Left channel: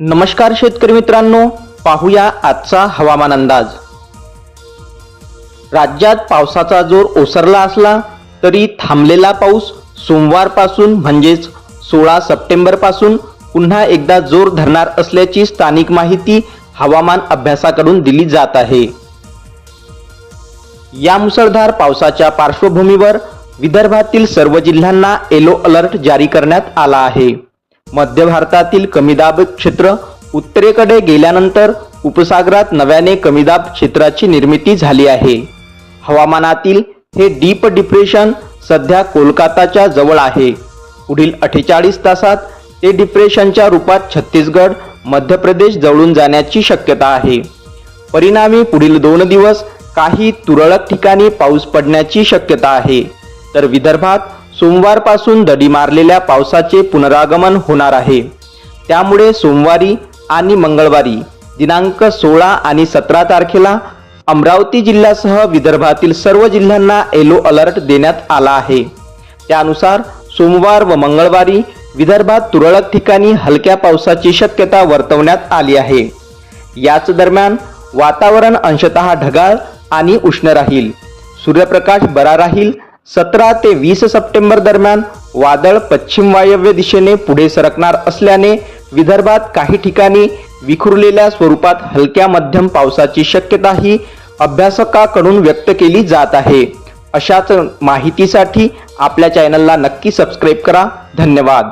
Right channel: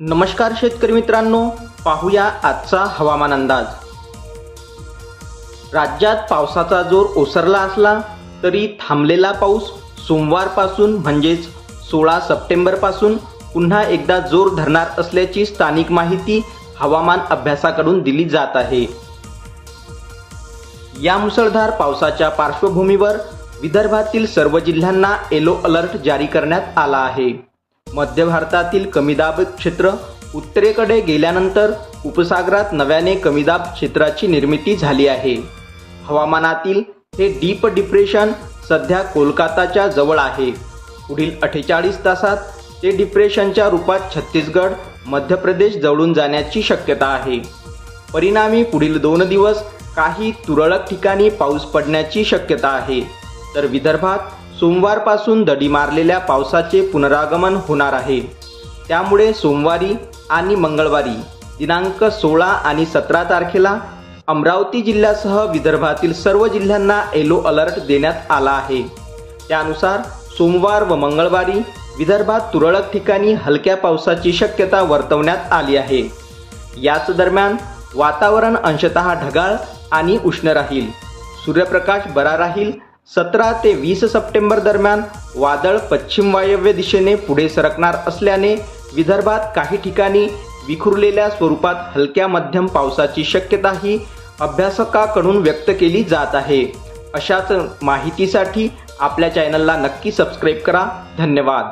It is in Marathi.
नमस्कार शेतकरी मित्रांनो पाहूया आजचा हवामान अंदाज. राज्यात पावसाचा जोर ओसरला असला तरी थांबलेला पाऊस सोमवारपासून म्हणजेच सोळा सप्टेंबरपासून पुन्हा एकदा जोर धरणार असल्याची स्थानिक माहिती हवामान अभ्यासाकडून दिली जात आहे. या मुसळधार पावसाच्या पार्श्वभूमीवर विदर्भातील सर्व जिल्ह्यांना येलो अलर्ट जारी करण्यात आला आहे. मध्य भारतातील कमीदाब क्षेत्र उत्तरेकडे गेल्यानंतर उपसागरात नव्याने कमीदाब क्षेत्राची निर्मिती झाली आहे. हवामानातील हे डीप डिप्रेशन सध्या कोलकाताच्या जवळ आहे. पुढील अठ्ठेचाळीस तासात ते डिप्रेशनच्या रूपात छत्तीसगड मध्य प्रदेश जवळून जाण्याची शक्यता आहे. परिणामी पुढील दोन दिवस काही तुरळक ठिकाणी पाऊस पडण्याची शक्यता आहे. तर विदर्भात सोमवारपासून दडी मारलेल्या पावसाचे पुनरागमन होणार आहे. त्यामुळे सोमवारी आणि मंगळवारी दिनांक सोळा आणि सतरा तारखेला अमरावती जिल्ह्यासह विदर्भातील सर्व जिल्ह्यांना येलो अलर्ट देण्यात आला आहे. त्यानुसार सोमवार व मंगळवारी विदर्भात तुरळक ठिकाणी हलक्या पावसाची शक्यता वर्तवण्यात आली आहे. याच दरम्यान वातावरण अंशतः ढगाळ आणि उष्ण राहील. सूर्यप्रकाश बरा राहील सतरा ते वीस सप्टेंबर दरम्यान वादळ पश्चिम वायव्य दिशेने पुढे सरकणार असल्याने विदर्भात काही ठिकाणी विखुरलेल्या स्वरूपात हलक्या मध्यम पावसाची शक्यताही अभ्यासकाकडून व्यक्त केली जात आहे. अशाच माहितीसाठी आपल्या चॅनलला नक्की सबस्क्राईब करा. धन्यवाद.